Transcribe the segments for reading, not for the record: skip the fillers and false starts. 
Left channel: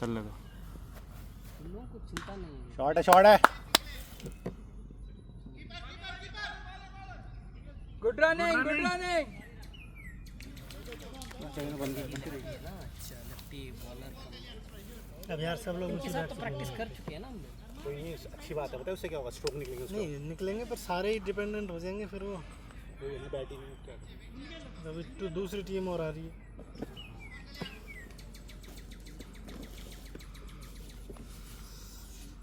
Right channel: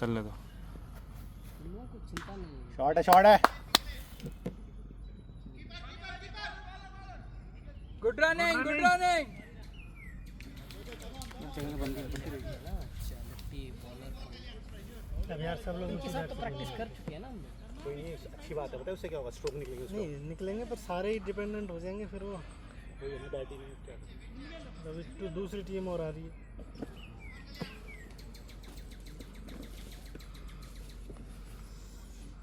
चलने दो। तुम लोगों को चिंता नहीं है। शॉट है, शॉट है। Good running, good running. अच्छा लेफ्टी बॉलर। अब यार सब लोग इनके साथ तो प्रैक्टिस कर चुके हैं ना हम लोग। कोई नहीं, अच्छी बात है। पता है उससे क्या होगा? स्ट्रोक निकलेंगे उसके। नहीं निकलेंगे, पर सारे ही डिपेंडेंट हो जाएंगे फिर वो बैटिंग में क्या। अभी तो दूसरी टीम और आ रही है।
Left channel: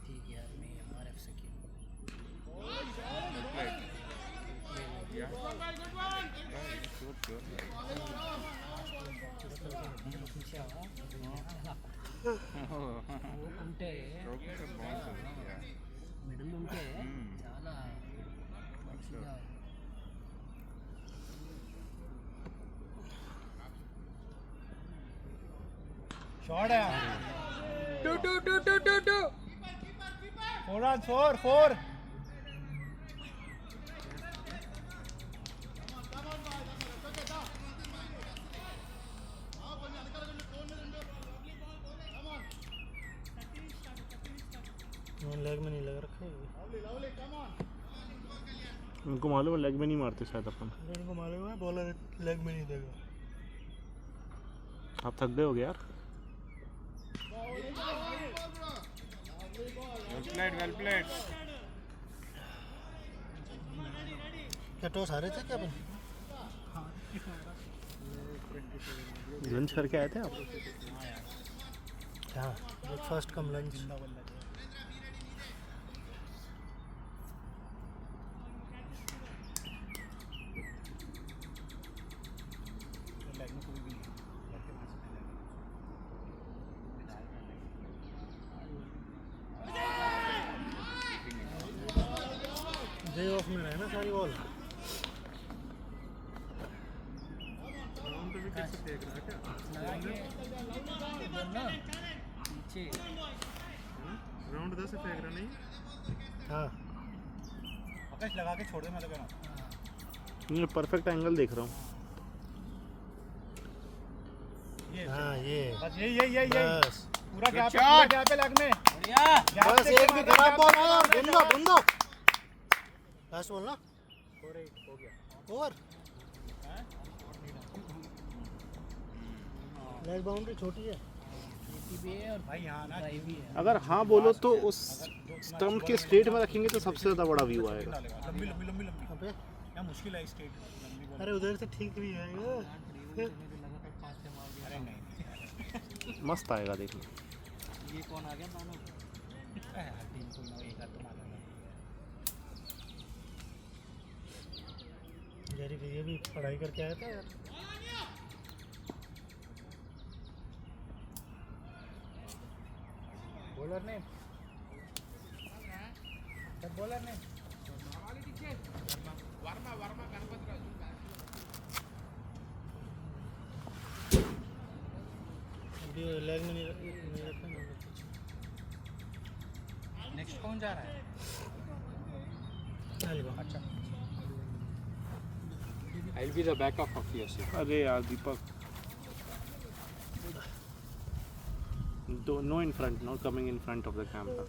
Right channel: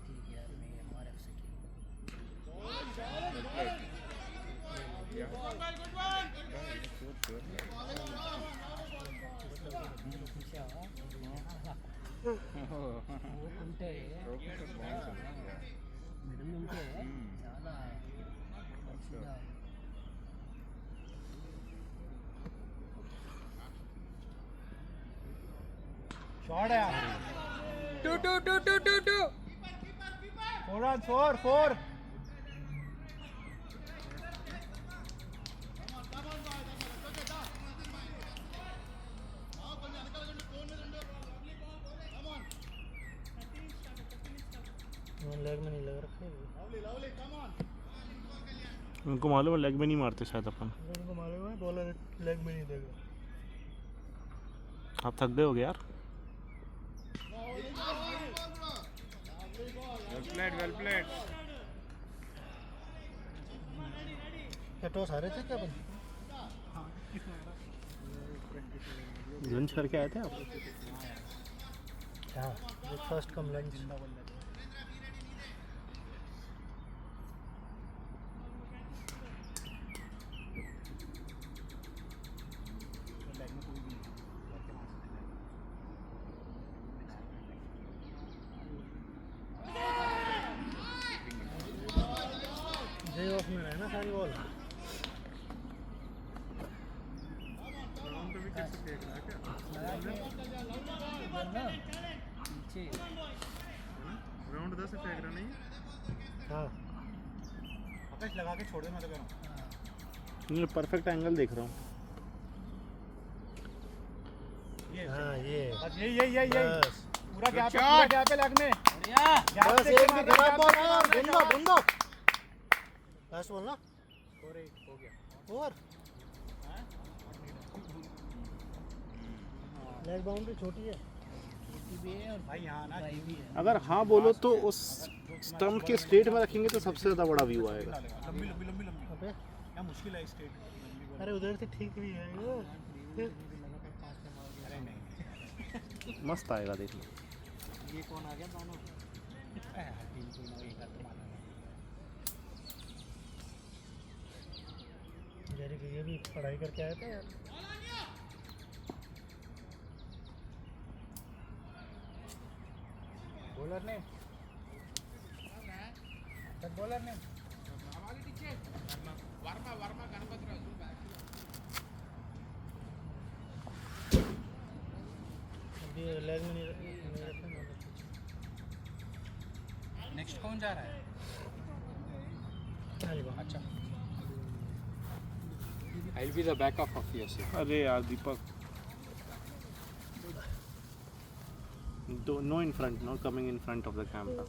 ठीक है यार, मैं आरएफ से खेलूंगा। वो ఉంటే మిడిల్ ఉంటే చాలా మంచిగా शॉट है। 2 4 लेग में नहीं लग रखा है। उनको मालूम है लेग में नहीं मारते शायद अपन। उनको मालूम है बॉलर लेग में नहीं देगा। आप थक गए हो गए यार। Well played. क्या टॉस हारे थे क्या अपन? लंच करके आए थे आप? हाँ, breakfast come lunch. Day of में रहे ना सारी बॉल। राउंड 10 से फेंक रहा नहीं। हाँ, आकाश लगा के छोड़ दे, मैं तो कह रहा हूं। ये परफेक्ट एंगल देख रहा हूँ। हाँ ये बस यही बस पूरा गैप है लेग में। बढ़िया। बस एक भी खराब बॉल है। बंदो लास्ट बॉल ना। हो गया। ओवर लेग बाउंड्री छोटी है। और भाई यहां ना ड्राइव भी है। अगर हाँ बोलो तो उस स्टंप के स्ट्रेट में रखेंगे तो सबसे ज़्यादा बड़ा व्यू आएगा। लंबी लंबी लंबी लंबी अबे क्या मुश्किल है स्ट्रेट। अरे उधर से ठीक भी है ये। अरे नहीं मस्त आएगा देखना। ये कौन आ गया मानो? टीम को ना एक हाथ मारना। जेरी ये भी पढ़ाई करके आए थे यार। बॉलर ने अभी लेग में नहीं रखेंगे। नेक्स्ट कौन जा रहा है? अच्छा I'll be the backup of yours. अरे यार दीपक, no in front, not coming in front of the camera.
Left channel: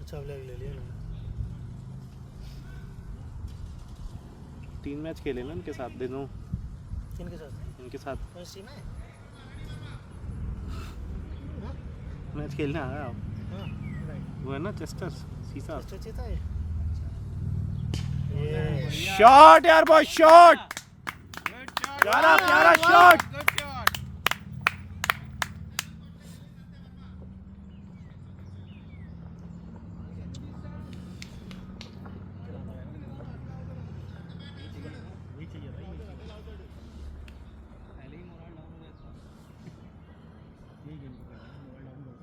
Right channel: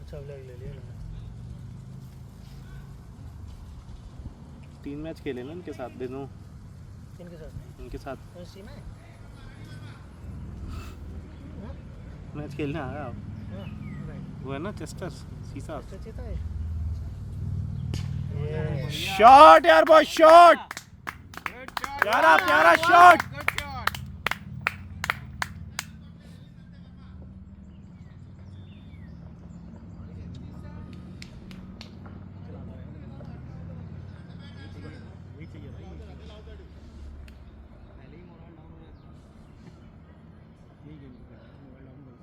अच्छा अब लेग ले लिया ना। 3 मैच खेले ना इनके साथ दिनों। किनके साथ? इनके साथ एससी में। मैच खेलने आया आप। हाँ राइट। वो है ना चेस्टर सीसा। अच्छा चीता है ये। शॉट यार, बहुत शॉट। प्यारा प्यारा शॉट।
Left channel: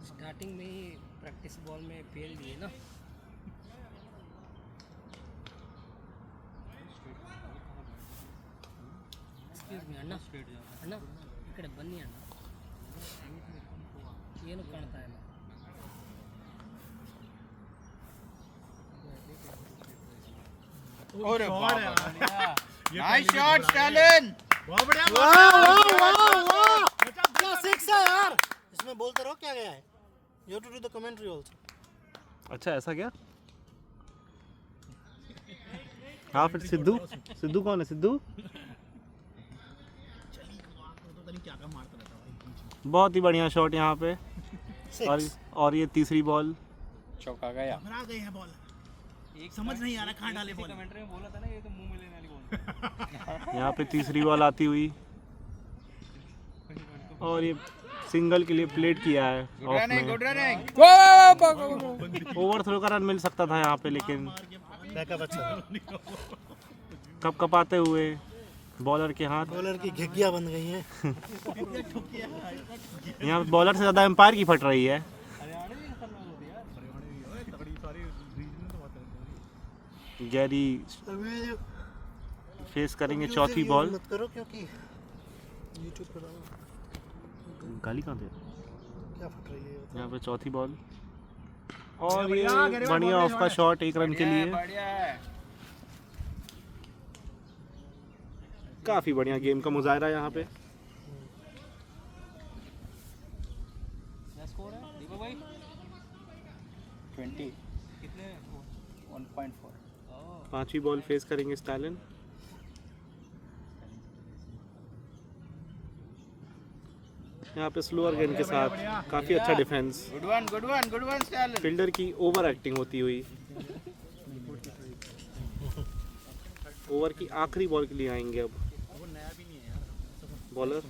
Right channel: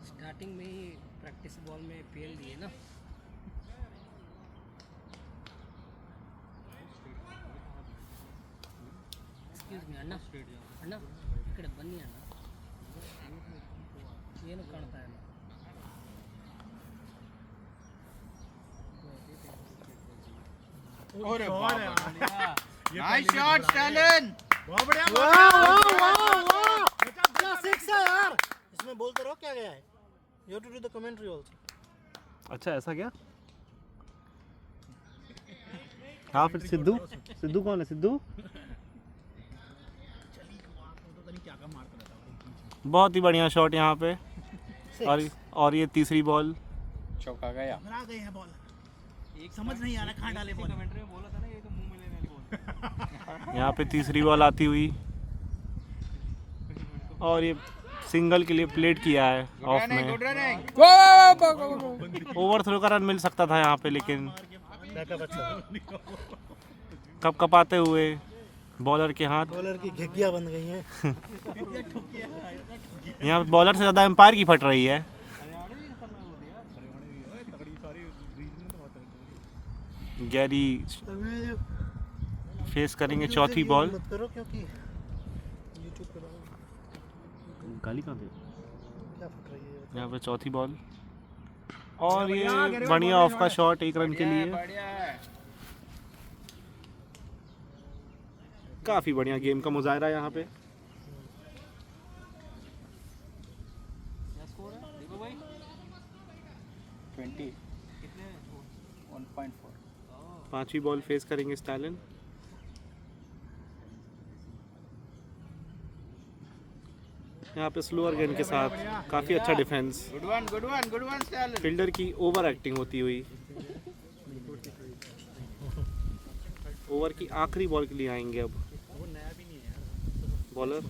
स्टार्टिंग में ही प्रैक्टिस बॉल में फेल दिए ना। एक्सक्यूज मी अण्णा अण्णा इकड़े बन्नी अण्णा ಏನು ಕಾಣ್ತಾ ಇಲ್ಲ. अरे शॉट है। Nice shot Stalin. बहुत बढ़िया। You have to do the commentary also. अच्छा ऐसा क्या? हाँ फिर सिद्धू कौन है सिद्धू? बहुत ही बढ़िया शॉट यहाँ पे। और ये तीसरी बॉल चौका गया। घबरा गए हैं बॉल। समझ नहीं आ रहा कहाँ डाले बॉल। कमेंट्री में बोला था ना ये तो मुंह में लेने वाली बॉल। यहाँ पे तीसरी बॉल आती हुई और ये सिंगल के लिए प्लेट किया है ऑफ में। ओवर थ्रो का रन मिल सकता था यहाँ पे, लेकिन बैकअप अच्छा। कप कपाते हुए बॉलर के हाथ। बॉलर की घिघिया बन गई हैं। यहाँ पे बॉलर से ज़्यादा एम्पायर की फट रही है। गैरी फेस करेंगे चौथी बॉल। मत करो क्योंकि YouTube पे डालो। गाली कहाँ दे? क्या फट रही है? यहाँ पे चौथी बॉल और ये बढ़िया ऑफ का शॉट 1 रन के लिए। काफी बढ़िया गेम का मुजाहरा यहाँ पे। स्कोर है दीपक भाई 20 कितने 1.4। पांचवी बॉल फेस करेंगे स्टैलिन। यहाँ पे स्लोअर गेंद के साथ काफी अच्छा defence. Good one style. Fielder की ओवर एक्टिंग होती हुई ओवर की आखिरी बॉल के लिए आएंगे अब बॉलर।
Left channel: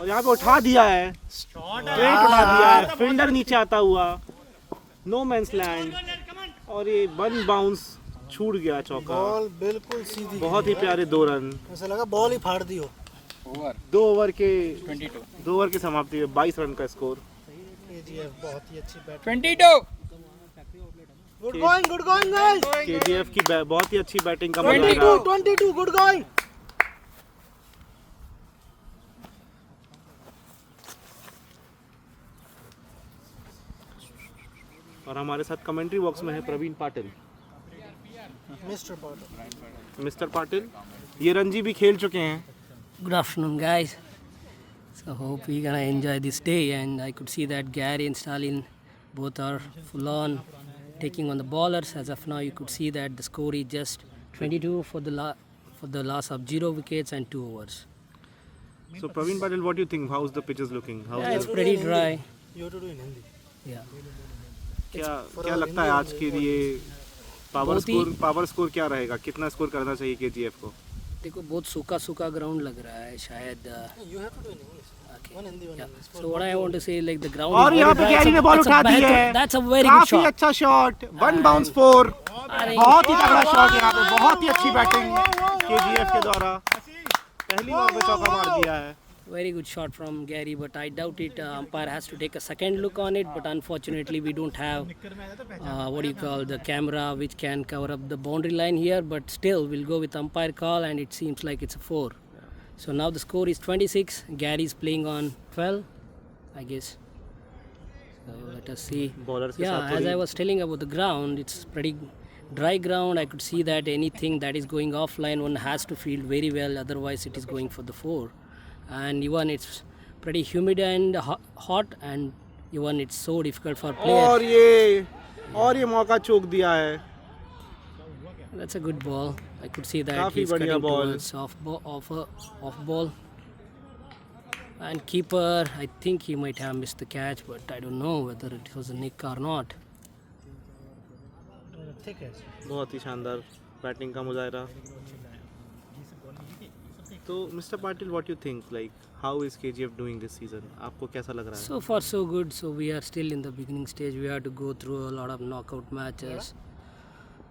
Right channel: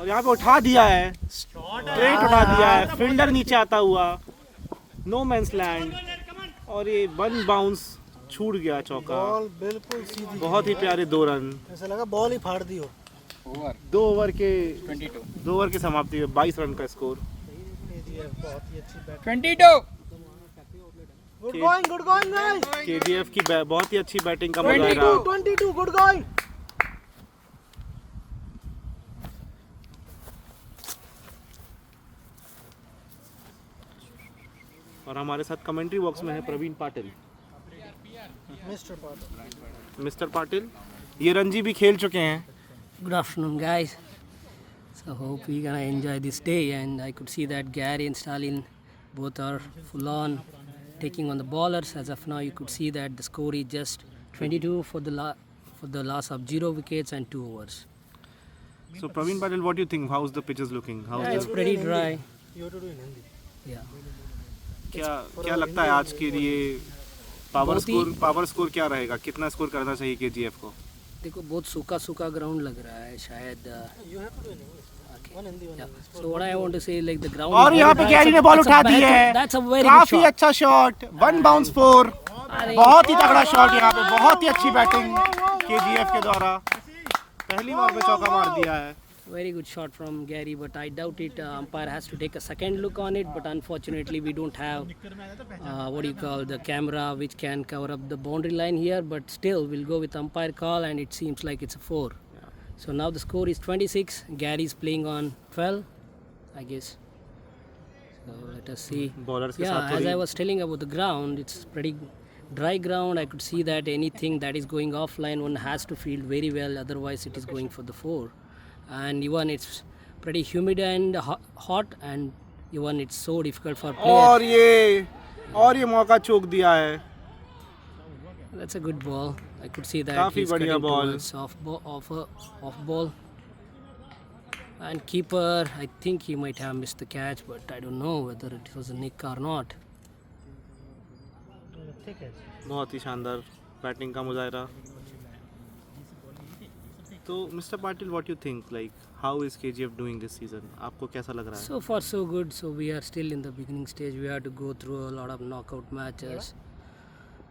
और यहाँ पे उठा दिया है, स्ट्रेट उठा दिया है, फील्डर नीचे आता हुआ, नो मैंस लैंड और ये 1 बाउंस छूट गया चौका। बॉल बिल्कुल सीधी। बहुत ही प्यारे 2 रन। ऐसा लगा बॉल ही फाड़ दी हो। ओवर 2 ओवर के 22 समाप्ति में 22 रन का स्कोर। बहुत ही अच्छी bat. 22 good going guys. KGF की बहुत ही अच्छी बैटिंग का मुजाहरा। 22 गुड गोइंग। और हमारे साथ कमेंट्री बॉक्स में है प्रवीण पाटिल। मिस्टर पाटिल ये रणजी भी खेल चुके हैं। Good afternoon, guys. So hope we're gonna enjoy this day. And I could see that Gary and Stalin both are full on taking on the bowlers. As of now, you could see that the score is just 22 for the loss of 0 wickets and 2 overs. So Praveen Patil, what do you think? How's the pitches looking? Yeah, it's pretty dry. You have to do in Hindi. Yeah. क्या लगता है आज के लिए power score क्या रहेगा? कितना score करना चाहिए केजीएफ को? देखो बहुत सूखा ग्राउंड लग रहा है शायद। You have to do in English. One Hindi, one English. So what I want to say, like the ground और is यहाँ very पे dry. गैरी ने बॉल उठा दी है। That's a very good काफी shot. अच्छा शॉट, 1 बाउंस 4। बहुत ही तगड़ा शॉट यहाँ पे, बहुत ही अच्छी बैटिंग केजीएफ के द्वारा। पहली बार पे चौका मार दिया है। Very good shot from Gary, but I doubt it. Umpire has to take a second look on it, but unfortunately we don't have what do you call the camera which can cover up the boundary line here. But still, we'll go with umpire call, and it seems like it's a 4. So now the score is 26. Gary is playing on 12, I guess. So let us see. Bowlers के Yeah, साथ as थोड़ी- I was telling about the ground, it's pretty dry ground. I could see that anything that is going offline, one has to field very well, otherwise it is going for the 4. And even it's pretty humid and hot, and even it's so difficult for players. और ये मौका चूक दिया है। That's a good ball. I could see that काफी he's बढ़िया cutting ball. towards off ball. And keeper, I think he might have missed the catch, but I don't know whether it was a nick or not. ठीक है। बहुत ही शानदार batting का मुजाहरा। तो mister Patil, what you think, like how is KGF doing this season? आपको कैसा लग रहा है? So far so good. So we are still in the beginning stage. We have to go through a lot of knockout matches.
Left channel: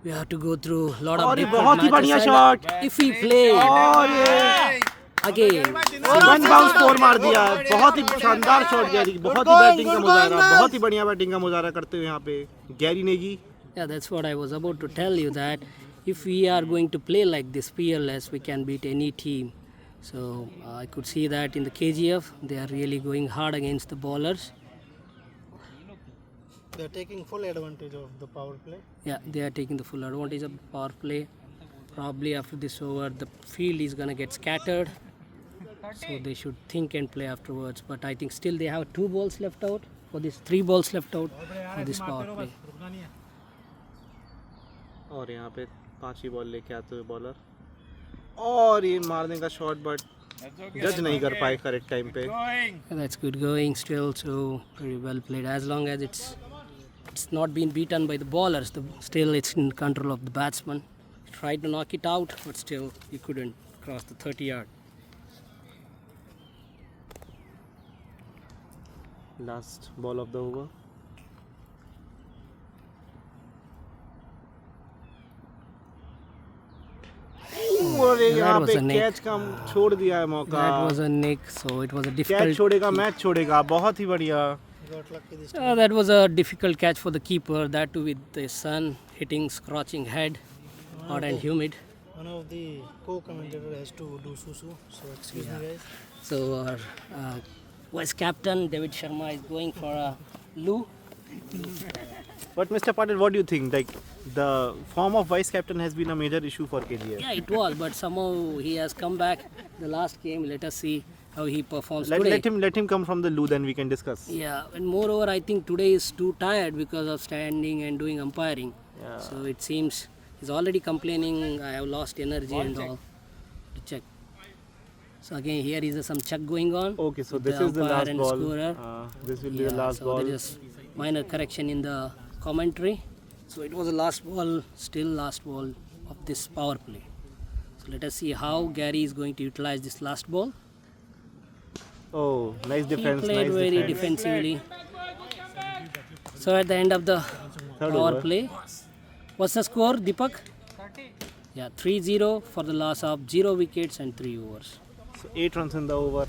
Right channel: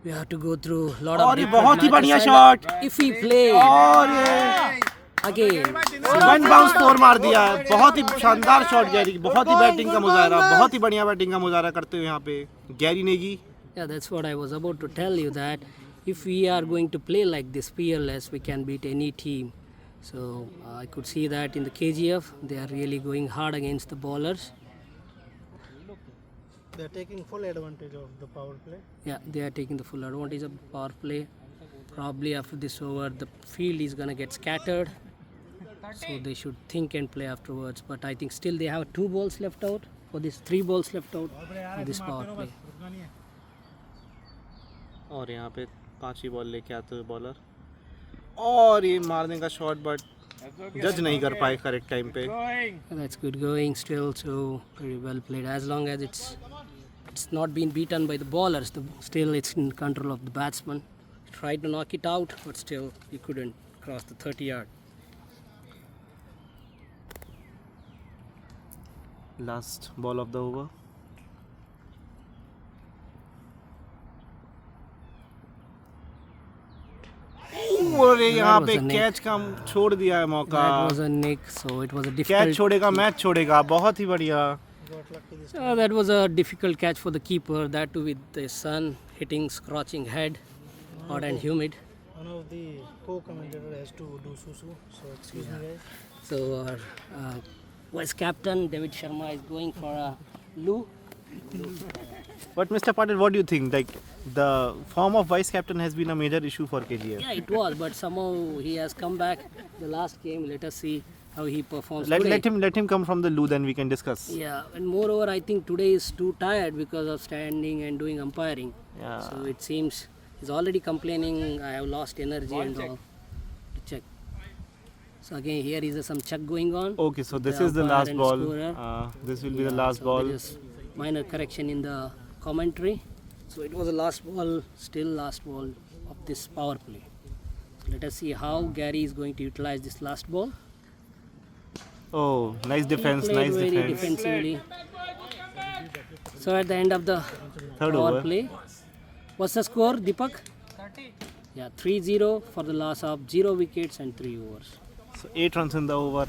We have to go through a lot of और ये different बहुत ही matches. बढ़िया And shot if we play और ये again, 1 bounce 4 मार दिया है। बहुत ही शानदार शॉट गैरी, बहुत ही बैटिंग का मुजाहरा, बहुत ही बढ़िया बैटिंग का मुजाहरा करते हुए यहाँ पे Gary Negi. yeah, that's what I was about to tell you, that if we are going to play like this fearless, we can beat any team. So I could see that in the KGF they are really going hard against the bowlers. They are taking full advantage of the power play. Yeah, they are taking the full advantage of the power play. Probably after this over, the field is gonna get scattered, so they should think and play afterwards. But I think still they have 2 balls left out for this, 3 balls left out for this power play. और यहाँ पे 5 ही ball लेके आते हुए bowler, और ये मारने का शॉट बट जज नहीं कर पाए करेक्ट टाइम पे. That's good going still, so very well played. As long as it's not been beaten by the bowlers, still it's in control of the batsman. Tried to knock it out, but still he couldn't cross the 30-yard. Last ball of the over. और यहाँ was पे a nick. Catch का छोड़ दिया है मौका. That was a nick, so it was a catch difficult. छोड़ेगा match छोड़ेगा. बहुत ही बढ़िया. That was a difficult catch for the keeper. That too with the sun hitting, scorching head, hot and humid. One of the co-commentator has to do susu, so excuse me guys. So vice captain David Sharma is going for a loo. But Mr. Patil, what do you think? Like the form of vice captain has been a major issue for KGF. Yeah, it was, but somehow he has come back the last game. Let us see how he performs Let, today. let him come from the loo, then we can discuss. Yeah, and moreover, I think today is too tired because of standing and doing umpiring. Yeah. So it seems he's already complaining. I have lost energy and all. To check. So again, here is some check going on. Okay, so with this is the umpire last and ball. scorer. This will be the last so ball. there is minor correction in the commentary. So it was the last ball, still last ball of this power play. So let us see how Gary is going to utilize this last ball. Oh, nice defense, He played nice very defense. defensively. So at the end of the Third power over. play, what's the score, Deepak? Yeah, 3-0 for the loss of 0 wickets and 3 overs. So 8 runs in the over.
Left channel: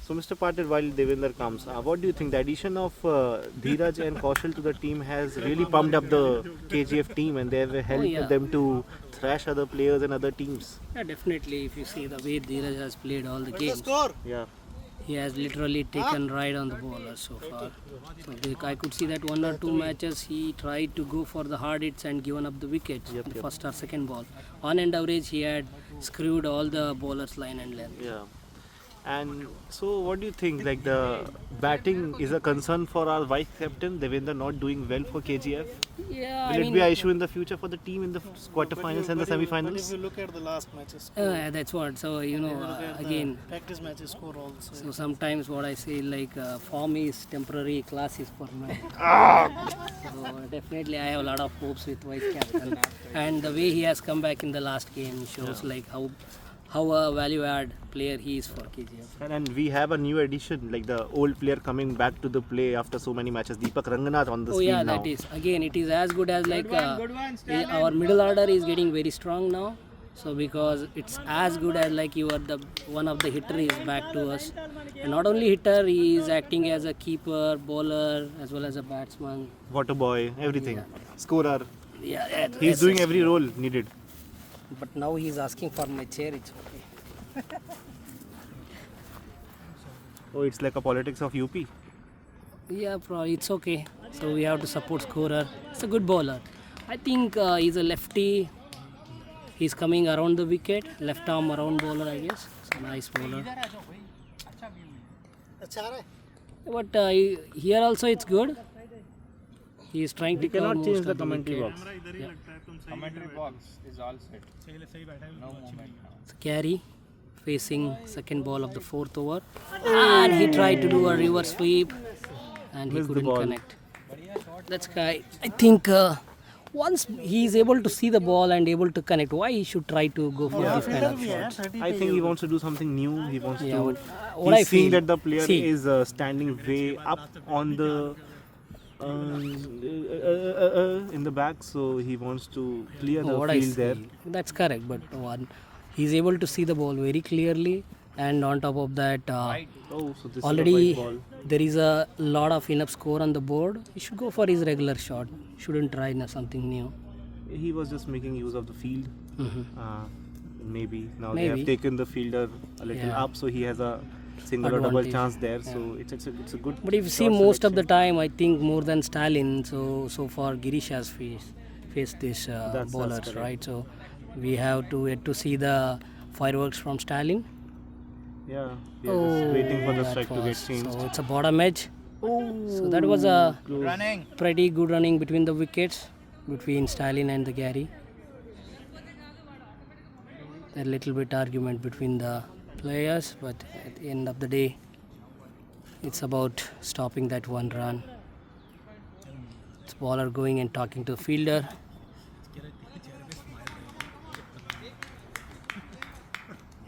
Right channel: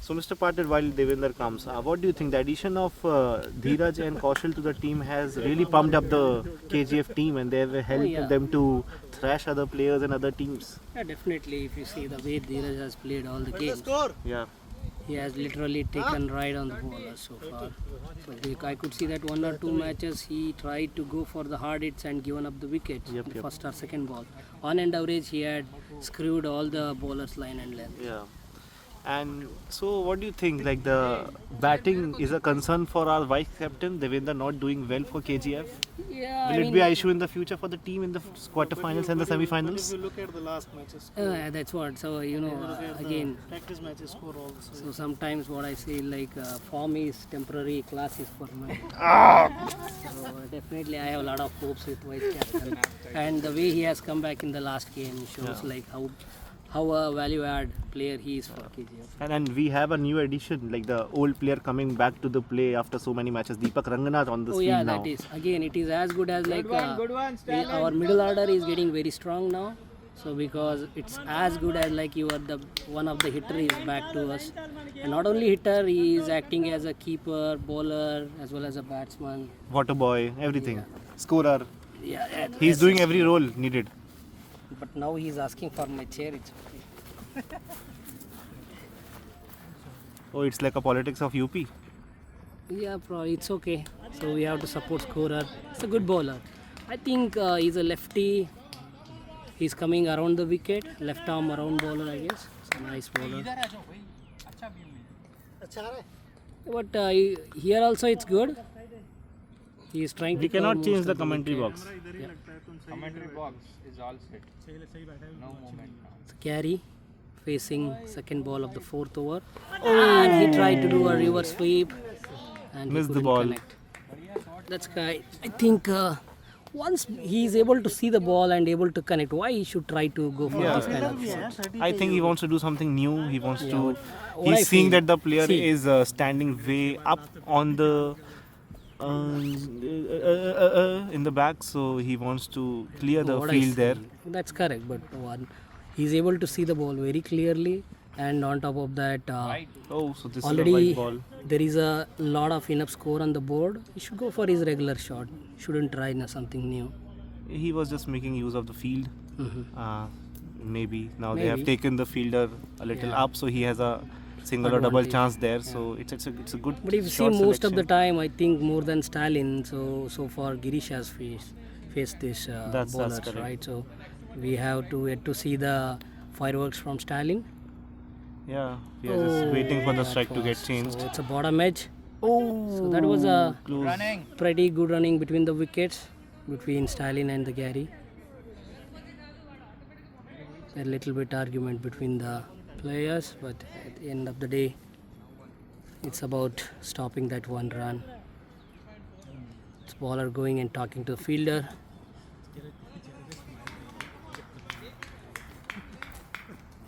So Mr. Patil, while Devender comes, what do you think? The addition of Dheeraj and Kaushal to the team has really pumped up the KGF team, and they have helped yeah. them to thrash other players and other teams. Yeah, definitely. If you see the way Dheeraj has played all the games, Yeah. he has literally taken ride on the bowler so far. So I could see that 1 or 2 matches he tried to go for the hard hits and given up the wickets in the first or second ball. On an average, he had screwed all the bowlers line and length. Yeah. And so, what do you think? Like the batting is a concern for our vice captain Devender not doing well for KGF. Yeah, Will it be an issue in the future for the team in the quarterfinals and the If semi-finals? you look at the last matches, that's what. So again, practice matches score also. so sometimes what I say like form is temporary, class is permanent. So definitely I have a lot of hopes with vice captain, and the way he has come back in the last game shows like how a value add player he is for KGF. And we have a new addition, like the old player coming back to the play after so many matches. Deepak Ranganath on the Oh field yeah, now. that is again it is as good as like our middle order is getting very strong now. So because it's as good as like you are the one of the hitter is back to us, and not only hitter, he is acting as a keeper, bowler as well as a batsman. Water boy, everything. Scorer. Yeah, He's doing every role needed. But now he's asking for my chair. It's okay. Oh, it's like a politics of UP. Yeah, it's okay. So we have to support scorer. It's a good bowler. I think he's a lefty. He's coming around the wicket, left arm around bowler, I guess. It's a nice bowler. But here also it's good. He is trying We to cover cannot change most the of commentary wickets. box. Yeah. Commentary box is all set. No movement now. So Carey facing second ball of the 4th over, and he tried to do a reverse sweep, and he Missed the couldn't ball. connect. That's guy. I think once he is able to see the ball and able to connect, why he should try to go for this kind of shots? I think he wants to do something new. He wants Yeah, to. what I He's seeing feel- that the player see. is standing way up on the in the back, so he wants to clear the What I field there. see. That's correct, but one, he's able to see the ball very clearly, and on top of that, Oh, so this already is a white ball. there is a lot of enough score on the board. He should go for his regular shot. Shouldn't try something new. He was just making use of the field. Maybe now they Maybe. have taken the fielder a little Yeah. up, so he has a single or double Advantage. chance there. So it's a good. But if you see shot most of the selection. time, I think more than Stalin. So far Girish has faced this That's bowlers, correct. right? So We have to wait to see the fireworks from Stalin. Yeah, we are just waiting for the that strike to get was- changed. So it's a bottom edge. Oh, So that was a Running. pretty good running between the wickets, between Stalin and the Gary. A little bit argument between the players, but at the end of the day, it's about stopping that one run. It's bowler going and talking to the fielder.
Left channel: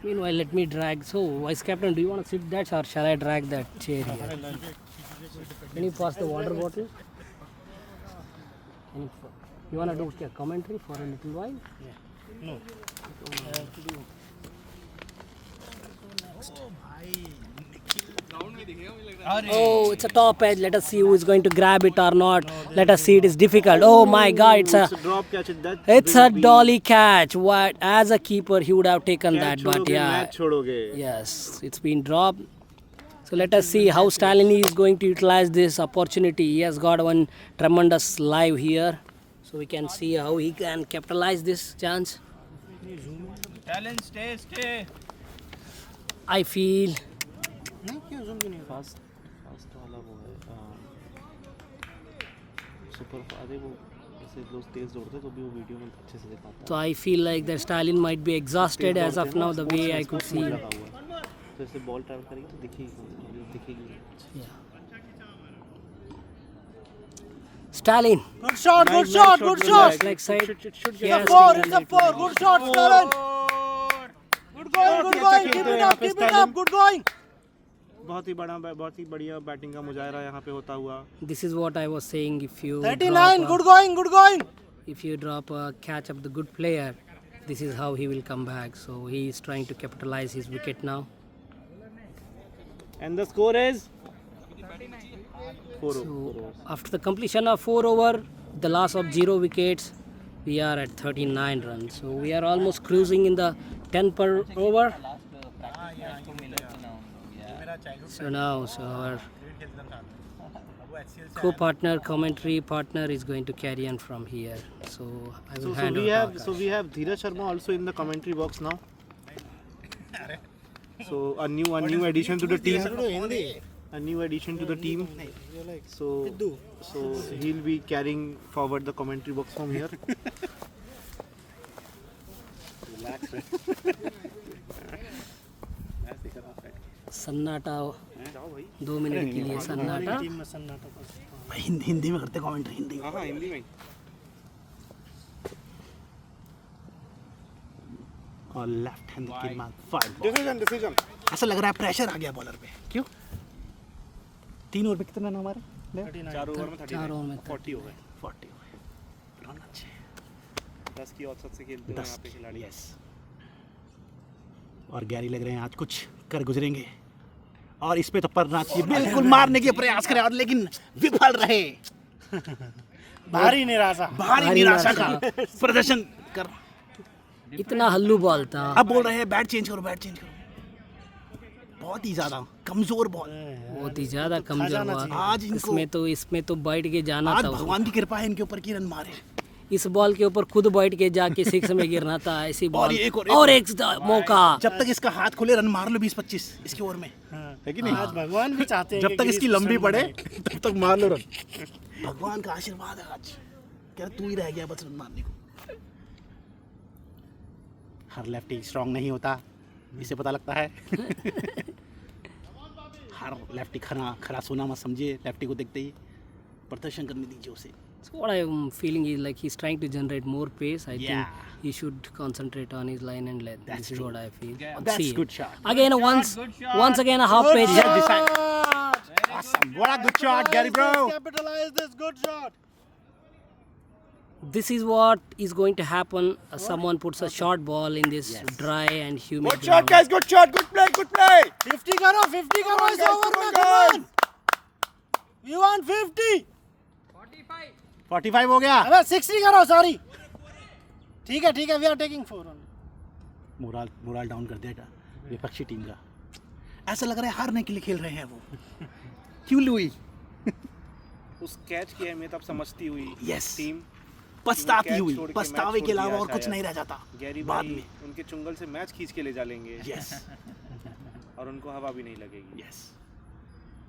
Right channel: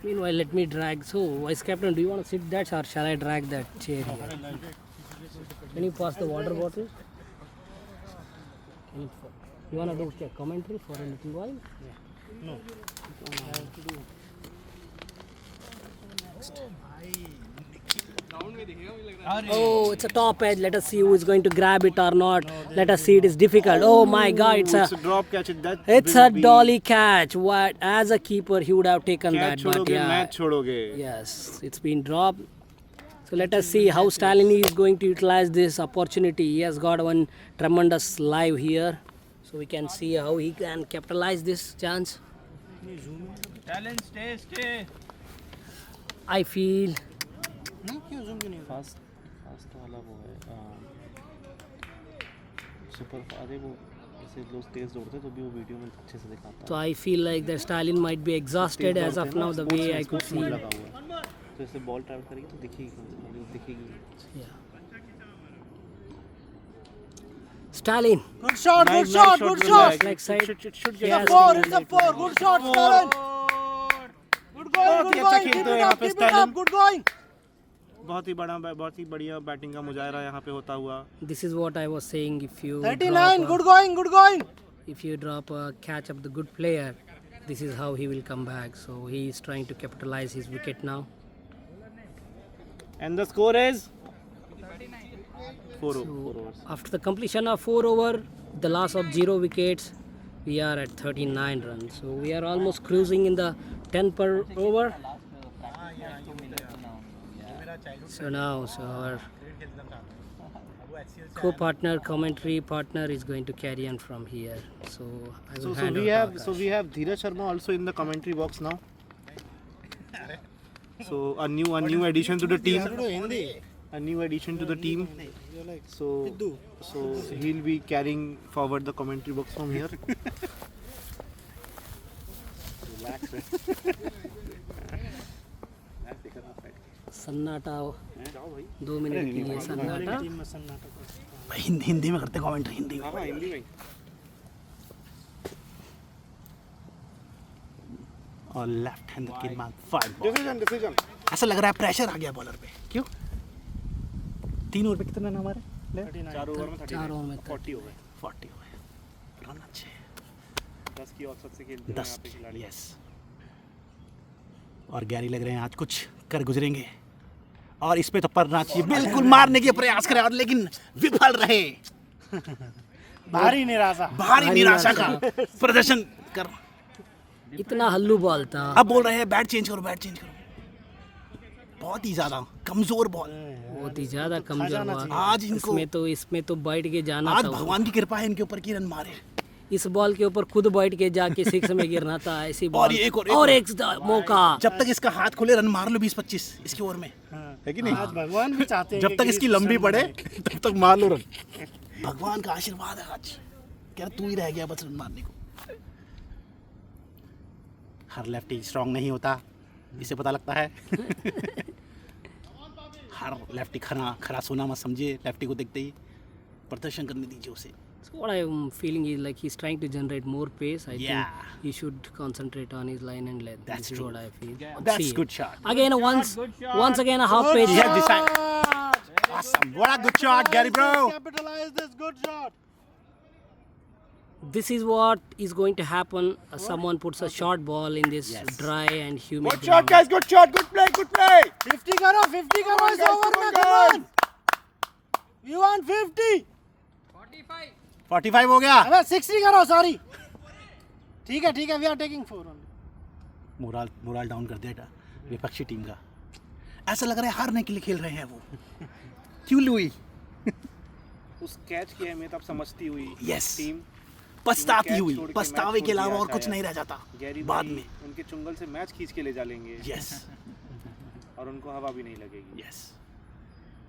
Meanwhile, let me drag. So, Vice Captain, do you want to sit that or shall I drag that chair here? Can you pass the water bottle? You want to do a commentary for a little while? No. Oh, it's a top edge. Let us see who is going to grab it or not. Let us see. It is difficult. Oh my God! It's it's a a drop catch. That it's will a be dolly catch. What? As a keeper, he would have taken catch that, but छोड़ोगे, yeah, match छोड़ोगे. yes, it's been dropped. So let us see how Stalin is going to utilize this opportunity. He has got one tremendous live here, so we can see how he can capitalize this chance. Talent, stay. I feel नहीं क्यों zoom क्यों नहीं हो रहा? Fast वाला वो है super अरे वो ऐसे लोग तेज दौड़ते तो भी वो वीडियो में अच्छे से दिखाता so. I feel like the Stalin might be exhausted as of now. The way I could see. लगा हुआ है तो ऐसे बॉल ट्रैवल करेगी तो दिखेगी Yeah. Stalin. Good shot, good Nice shot, shot, good good shot. shot. Leg side. should Yes, Four, Stalin. it's a four. Good shot, Stalin. Good going, बहुत good ही अच्छा going. Keep खेलते it हैं यहाँ up, पे keep it Stalin. up. Good going. बहुत ही बढ़िया batting का मुजाहरा यहाँ पे होता हुआ This is what I was saying. If you 39, drop good going, good going. if you drop a catch of the good player, this is how he will come back. So he is trying to capitalize his wicket now. and the score is 4 So overs. after the completion of 4 over, the loss of 0 wickets, we are at 39 runs. So we are almost cruising in the 10 per over. So now, our co-partner, commentary partner is going to carry on from here. So I will hand over to Akash. we have Dheeraj Sharma also in the commentary box now. So a new addition to the team. A new addition to the team. So he'll be carrying forward the commentary box from here. Relax. सन्नाटा 2 minute के लिए सन्नाटा हिंदी में करते commentary Hindi में और left hand की मार फाइव डिसीजन ऐसा लग रहा है प्रेशर आ गया बॉलर पे क्यों 3 ओवर पे कितना रन हमारे 4 ओवर में 40 हो गए 40 हो गए रन अच्छे 10 की औसत से खेलते हैं यहाँ पे खिलाड़ी यस और गैरी लग रहे हैं आज कुछ कर गुजरेंगे और इस पे तो पड़ना चाहिए बिल्कुल मारने के प्रयास करे और लेकिन विफल रहे भारी निराशा का प्रदर्शन कर इतना हल्लू बॉल था अब बोल रहे हैं बैट चेंज करो बहुत ही ज्यादा कमजोर बॉल बहुत ही ज्यादा कमजोर बॉल आज इनको इसमें तो बैठ के जाना आज था भगवान की कृपा है इनके ऊपर की रन मारे इस बॉल के ऊपर खुद बैठ के जाके 6 में गिरना था ऐसी बॉल एक और एक मौका जब तक इसका हाथ खुले रन मार लो 20-25 इसकी ओवर में है कि नहीं आज भगवान भी चाहते हैं जब तक इसकी लंबी पड़े तब तक मार लो रन भगवान का आशीर्वाद है आज क्या तू ही रह गया बस रन मारने को हर लेफ्टी स्ट्रांग नहीं होता इसे पता लगता है हर लेफ्टी खरा सोना मत समझिए लेफ्टी को देखते ही प्रदर्शन करने दीजिए उसे So what I am feeling is like he's trying to generate more pace. I Yeah. think he should concentrate on his line and length. That's This is true. what I feel. That's See, good shot. Again, once again a half page. Awesome. What a good shot, Gary bro. Capitalize this good shot. This is what is going to happen. Someone puts a short ball in this dry and humid Good shot, ground. guys. Good shot. Good play. Good play. 50 करो इस over में come on. We want 50. 45 हो गया अबे 60 करो sorry ठीक है we are taking 4 run moral down कर देगा विपक्षी टीम का ऐसा लग रहा है हारने के लिए खेल रहे हैं वो क्यों लुई उस कैच की अहमियत आप समझती हुई Yes. टीम पछताती हुई, छोड़ के पछतावे मैच के छोड़ अलावा दिया और कुछ शायद। नहीं रह जाता गैरी बाद भाई में। उनके चुंगल से मैच खींच के ले जा लेंगे यस और उनको हवा भी नहीं लगेगी। यस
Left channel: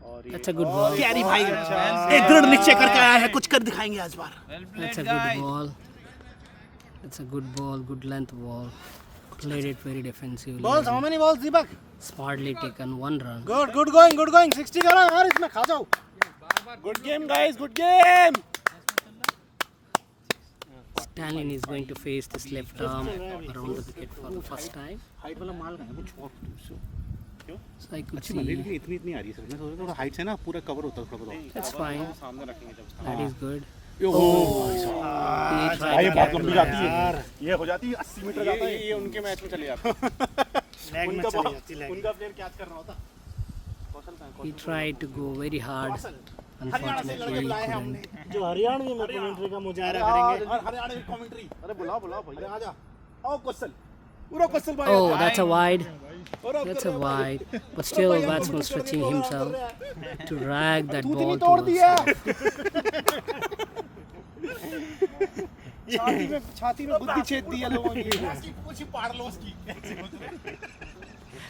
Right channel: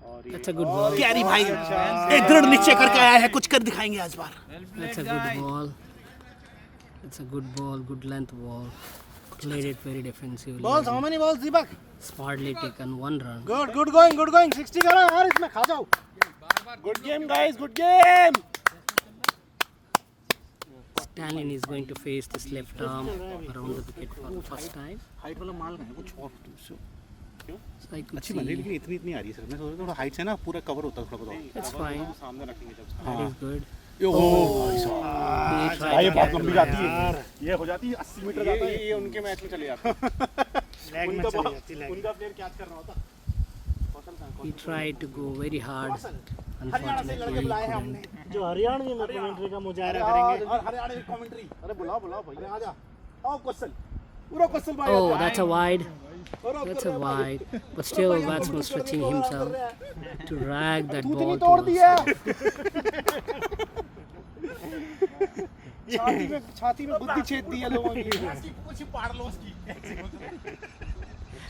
और That's a good ball. Gary भाई ये दृढ़ निश्चय करके आया है, कुछ कर दिखाएंगे आज बार। That's a good ball. That's a good ball, good length ball. Played it very defensively. Balls, how many balls Deepak? Smartly taken 1 run. Good going 60 करो और इसमें खा जाओ। Good game guys, good game. Stalin is going to face this left arm around the wicket for the first time. Height वाला माल का है कुछ और So I could अच्छी see बल्ले लेकिन इतनी आ रही है सर। मैं सोच रहा था थोड़ा हाइट से ना पूरा कवर होता है थोड़ा बहुत। that's fine. सामने रखने का। That is good. Oh He tried भाई to बहुत catch लंबी it. जाती है ये हो जाती है 80 मीटर जाता है ये उनके मैच में चले जाते हैं। लेग में चली जाती है। उनका प्लेयर कैच करना होता। कौशल का He tried to go very hard. Unfortunately, he couldn't. जो हरियाणवी में कमेंट्री का मुजाहरा करेंगे। और हरियाणा की कमेंट्री। अरे बुलाओ भैया आ जा। आओ कौशल। पूरा कौशल भाई। Oh, that's a wide. That's a wide. But still, batsman stretching himself to drag that ball towards him. छाती में गुद्दी छेद दी है लोगों की। कुछ पार लो उसकी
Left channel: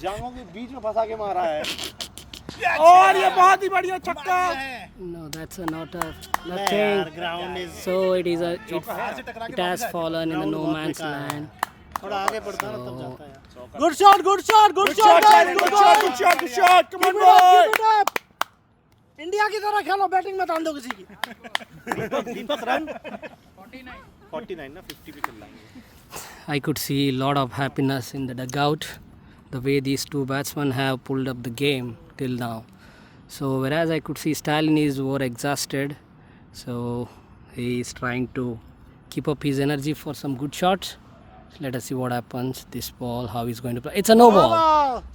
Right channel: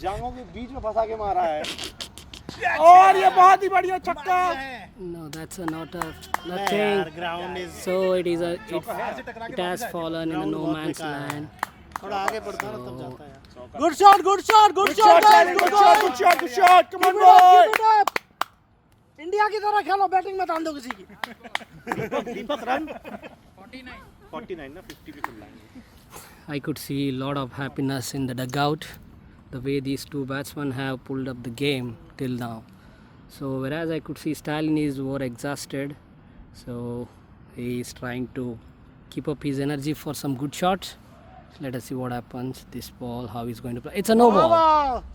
जांघों के बीच में फंसा के मारा है। और ये बहुत ही बढ़िया छक्का। No, that's a not a nothing. Ground is So it is a it has fallen in the no man's land. थोड़ा आगे बढ़ता है ना तब जाता है। Good shot guys, good shot, come on boy। India की तरह खेलो, बैटिंग मत आन दो किसी की। दीपक रन 49 ना 50 भी कर लाएंगे। I could see a lot of happiness in the dugout, the way these two batsmen have pulled up the game till now. So whereas I could see Stalin is more exhausted, so he is trying to keep up his energy for some good shots. Let us see what happens. This ball, how he's going to play. It's a no ball.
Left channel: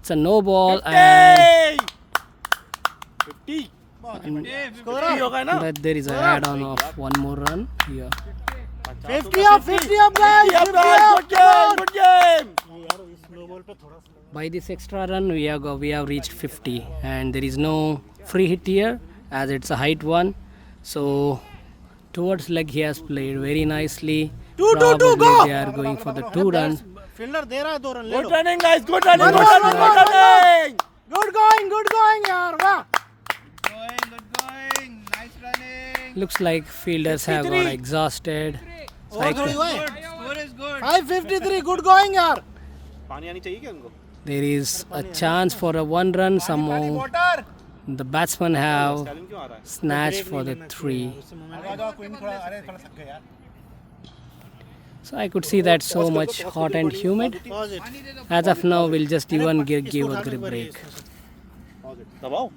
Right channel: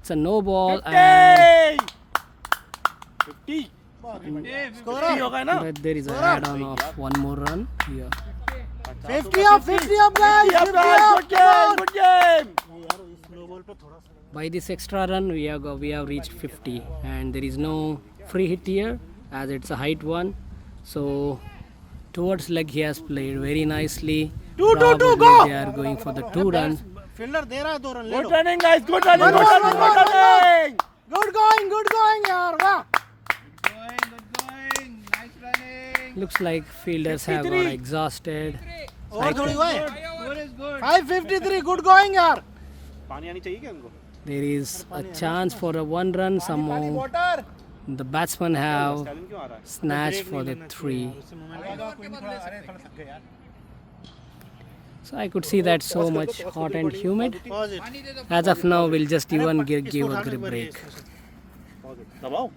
It's a no ball, and 50 होगा ना? but there is a add-on of one more run here. 50 up guys, 50 up। good game। ये यार इस no ball पे थोड़ा सा By this extra run, we have reached 50, and there is no free hit here as it's a height one. So towards leg he has played very nicely. Two, Probably go! They are going for the 2 runs. Fielder दे रहा है 2 run ले लो। Good running guys, good running, One good more, running, one good more, running. Good going यार, वाह। Nice running Looks like fielders have got exhausted. So और थोड़ी हुआ है। Score is good 553 good going यार। पानी आनी चाहिए क्या उनको? there is a chance for a 1 run. Somehow water the batsmen have styling क्यों आ रहा है? snatched for the 3. अरे थोड़ा थक गए यार So I could see that so much hot and humid. Pause it. As of now, we'll just give a break. दबाओ।